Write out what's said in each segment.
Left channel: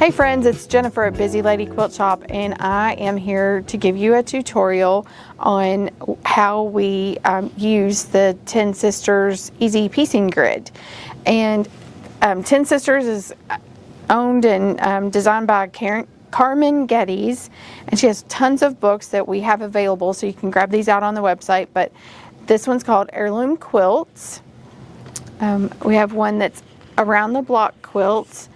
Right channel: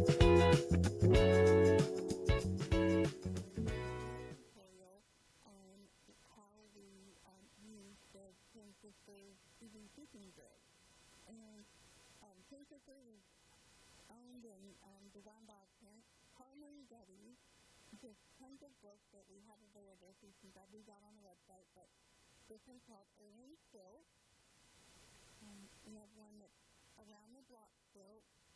Hey friends, it's Jennifer at Busy Lady Quilt Shop, and I am here to give you a tutorial on how we use the 10 Sisters Easy Piecing Grid. And 10 Sisters is owned and designed by Carmen Geddes, and she has tons of books that we have available, so you can grab these out on the website. But this one's called Heirloom Quilts. We have one that's Around the Block Quilts.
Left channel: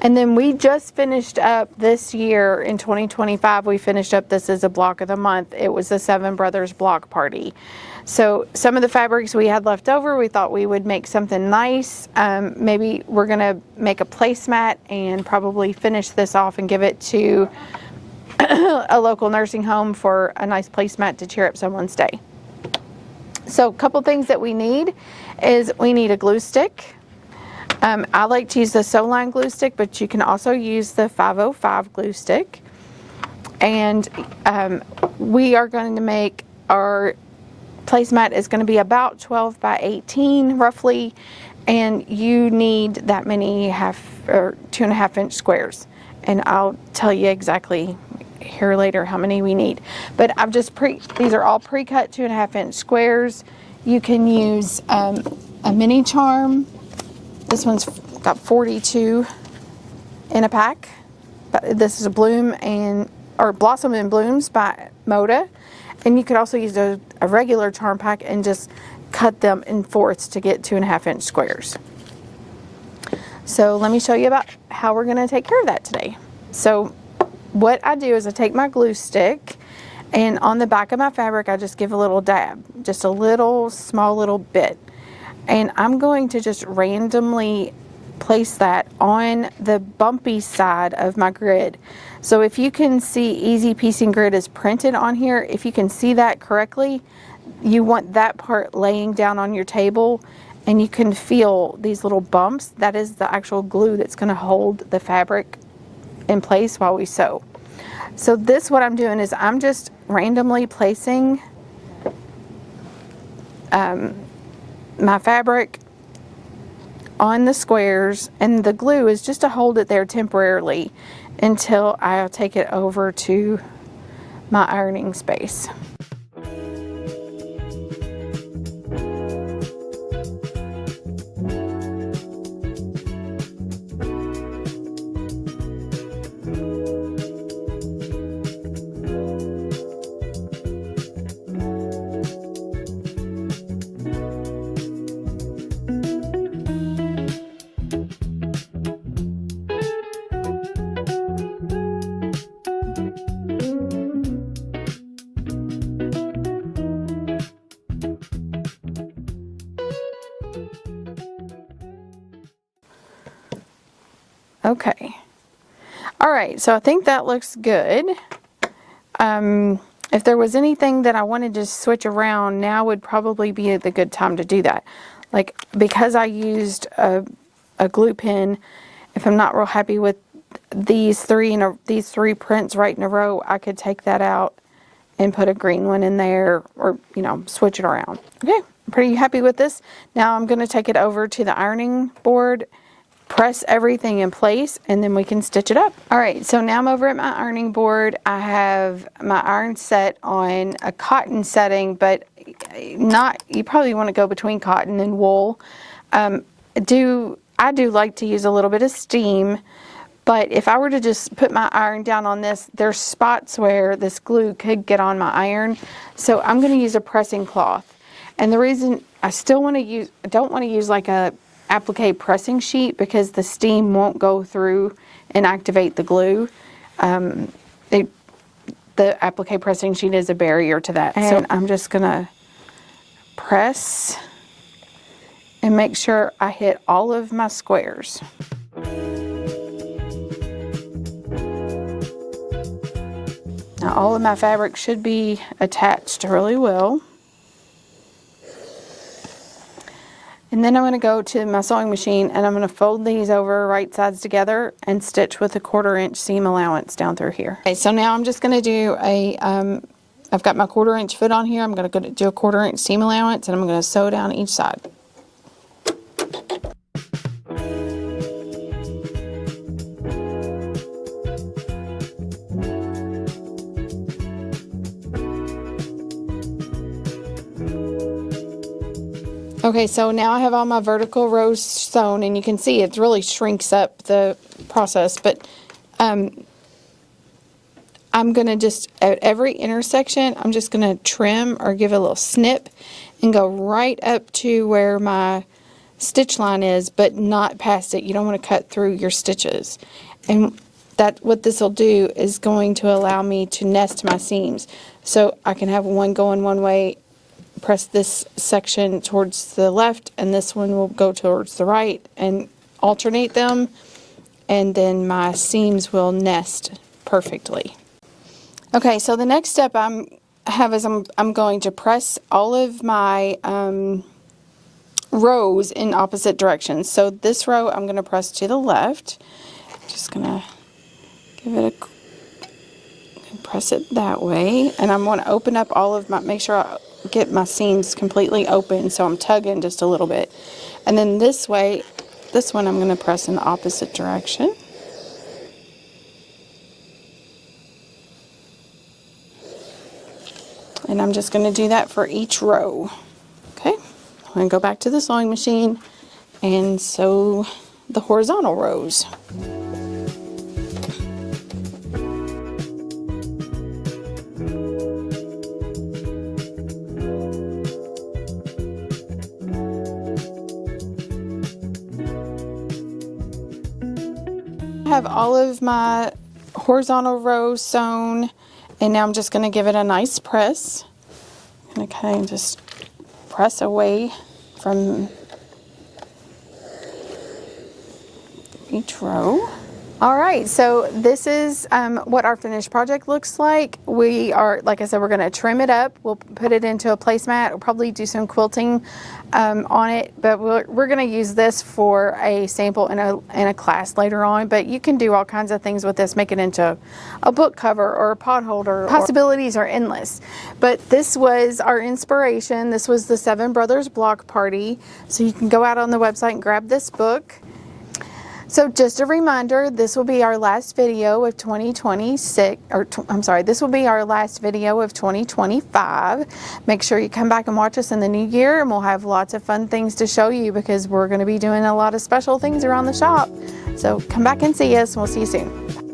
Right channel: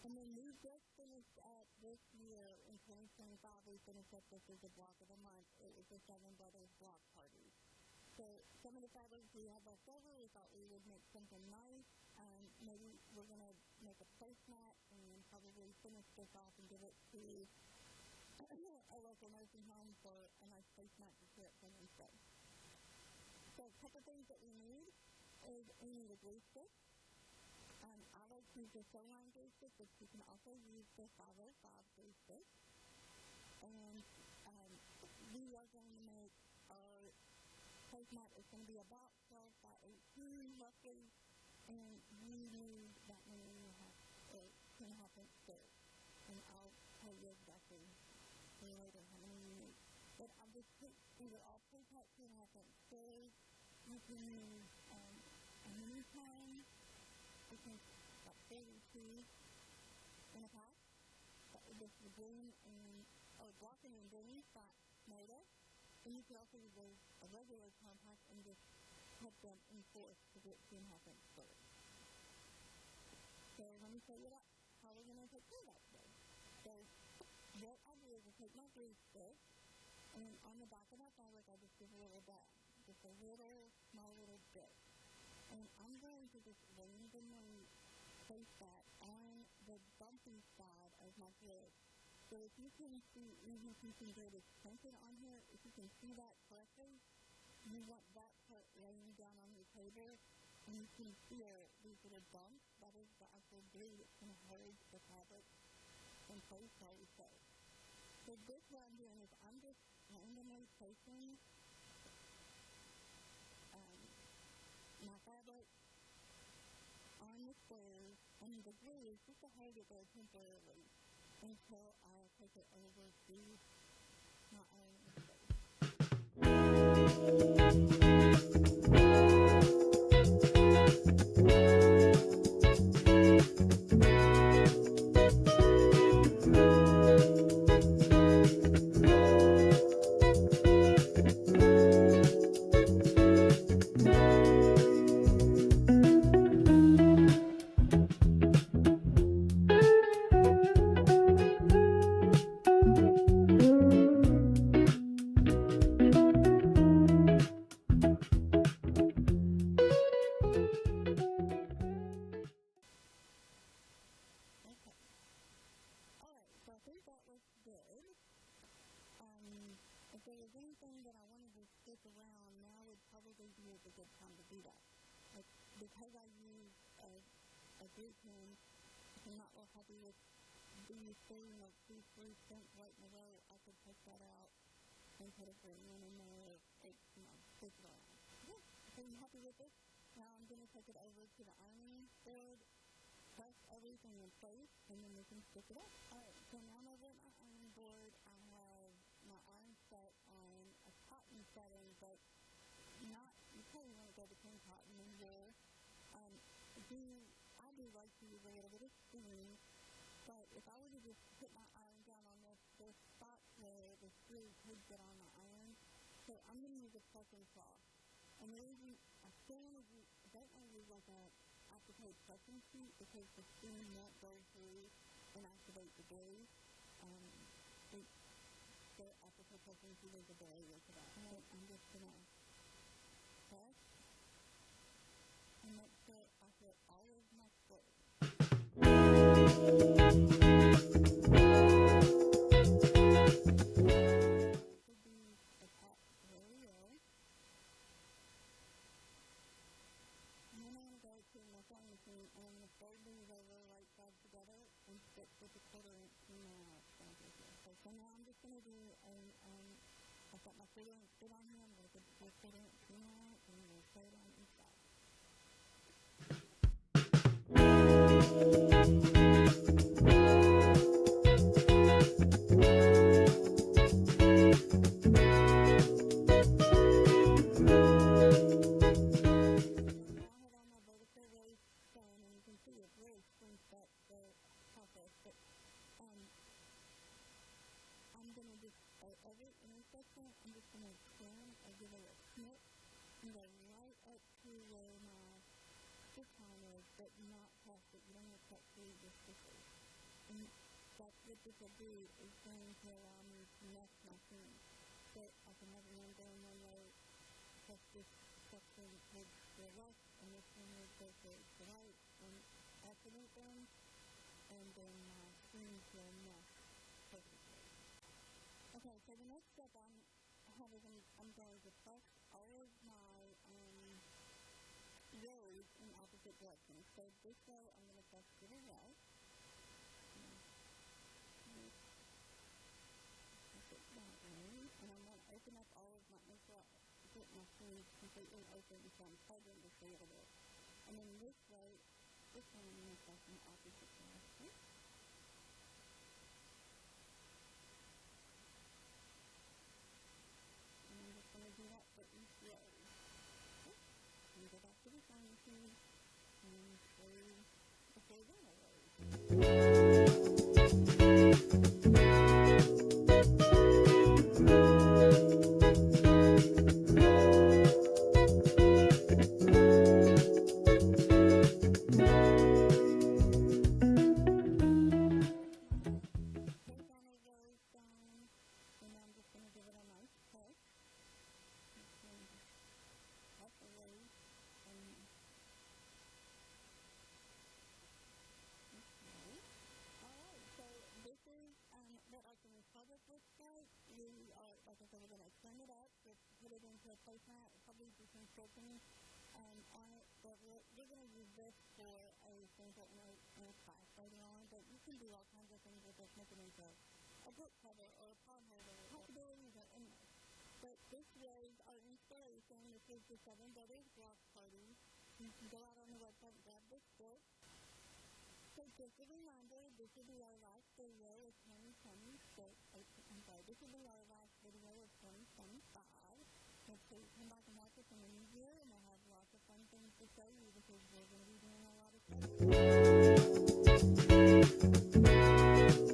And then we just finished up this year in 2025, we finished up this as a block of the month. It was the Seven Brothers Block Party. So some of the fabrics we had left over, we thought we would make something nice. Maybe we're gonna make a placemat and probably finish this off and give it to a local nursing home for a nice placemat to cheer up someone's day. So a couple things that we need is we need a glue stick. I like to use the Soline glue stick, but you can also use the 505 glue stick. And we are going to make our placemat is going to be about 12 by 18 roughly, and you need that many 2.5 inch squares. And I'll tell you exactly here later how many we need. But I've just these are all pre-cut 2.5 inch squares. You can use a mini charm. This one's got 42 in a pack. But this is a Blossom and Blooms by Moda. And you could also use a regular charm pack and just cut them in fourths to get 2.5 inch squares. So let me show you about how we're gonna take care of that today. So what I do is I take my glue stick, and on the back of my fabric I just give a little dab, just a small little bit. And I'm going to just randomly place that on the bumpy side of my grid. So if you can see Easy Piecing Grid is printed on here, if you can see that correctly, you want that part laying down on your table, and you can feel these little bumps. That is the actual glue that's going to hold the fabric in place while we sew. So what I'm doing is I'm just randomly placing my fabric on the squares, and the glue is just to hold it there temporarily until I'll take it over to my ironing space. Okay. All right, so I think that looks good. If there was anything that I wanted to switch around, now would probably be the good time to do that. Like, because I used a glue pen, if I'm not real happy with these three prints right in a row, I could take that out and put a green one in there, or switch it around. Okay, I'm pretty happy with this. Now I'm going to take it over to the ironing board, press everything in place, and then we can stitch it up. All right, so now I'm over at my ironing board. I have my iron set on a cotton setting, but you probably want to go between cotton and wool. I do like to use a little bit of steam, but if I were to just put my iron down on this, there's spots where this glue could get on my iron. So I'm going to use a pressing cloth. And the reason I don't want to use like a applique pressing sheet, because the steam won't go through and activate the glue. The applique pressing sheet is a barrier to that. And so I'm just gonna press and make sure I hit all of my squares. Now all of my fabric should be attached really well. And then I'm going to go to my sewing machine, and I'm going to fold these over right sides together and stitch with a 1/4 inch seam allowance down through here. Okay, so now I'm just going to do I've got my 1/4 inch foot on here. I'm going to do a 1/4 inch seam allowance, and I'm going to sew down each side. Okay, so now I have all my vertical rows sewn, and you can see it really shrinks up the process, but I'm going to just, at every intersection, I'm just going to trim or give a little snip and go right up to where my stitch line is, but not past it. You don't want to cut through your stitches. And what this will do is going to allow me to nest my seams. So I can have one going one way, press this section towards the left, and this one will go towards the right, and alternate them, and then my seams will nest perfectly. Okay, so the next step I'm going to press all of my rows in opposite directions. So this row I'm going to press to the left. Just going to give it press it that way, and I'm going to open up all of my, make sure I get my seams completely open, so I'm tugging just a little bit. And then this way, this one I'm going to press in the opposite direction. And I'm just going to do that for each row. Okay, I'm going to go back to the sewing machine and sew the horizontal rows. I have all of my horizontal rows sewn, and now I'm just going to give it a nice press. I'm going to kind of just press away from each row. All right, so this is what our finished project looks like. We are, like I said, we're going to trim it up. We'll put it into a placemat. We'll probably do some quilting on it, but we're going to use this for a sample in a class later on. But you can do all kinds of things with this. Make it into a book cover or a pot holder. Possibilities are endless. But this was our inspiration. This was the Seven Brothers Block Party. So you can go out on the website and grab this book. So just a reminder, this will be our last video of 2026, this will be our last video of 2025. Make sure you come back and watch us in the new year, and we'll have lots of fun things to show you because we're going to be doing a lot of special things around the shop. So come back and see us, and we'll see you soon.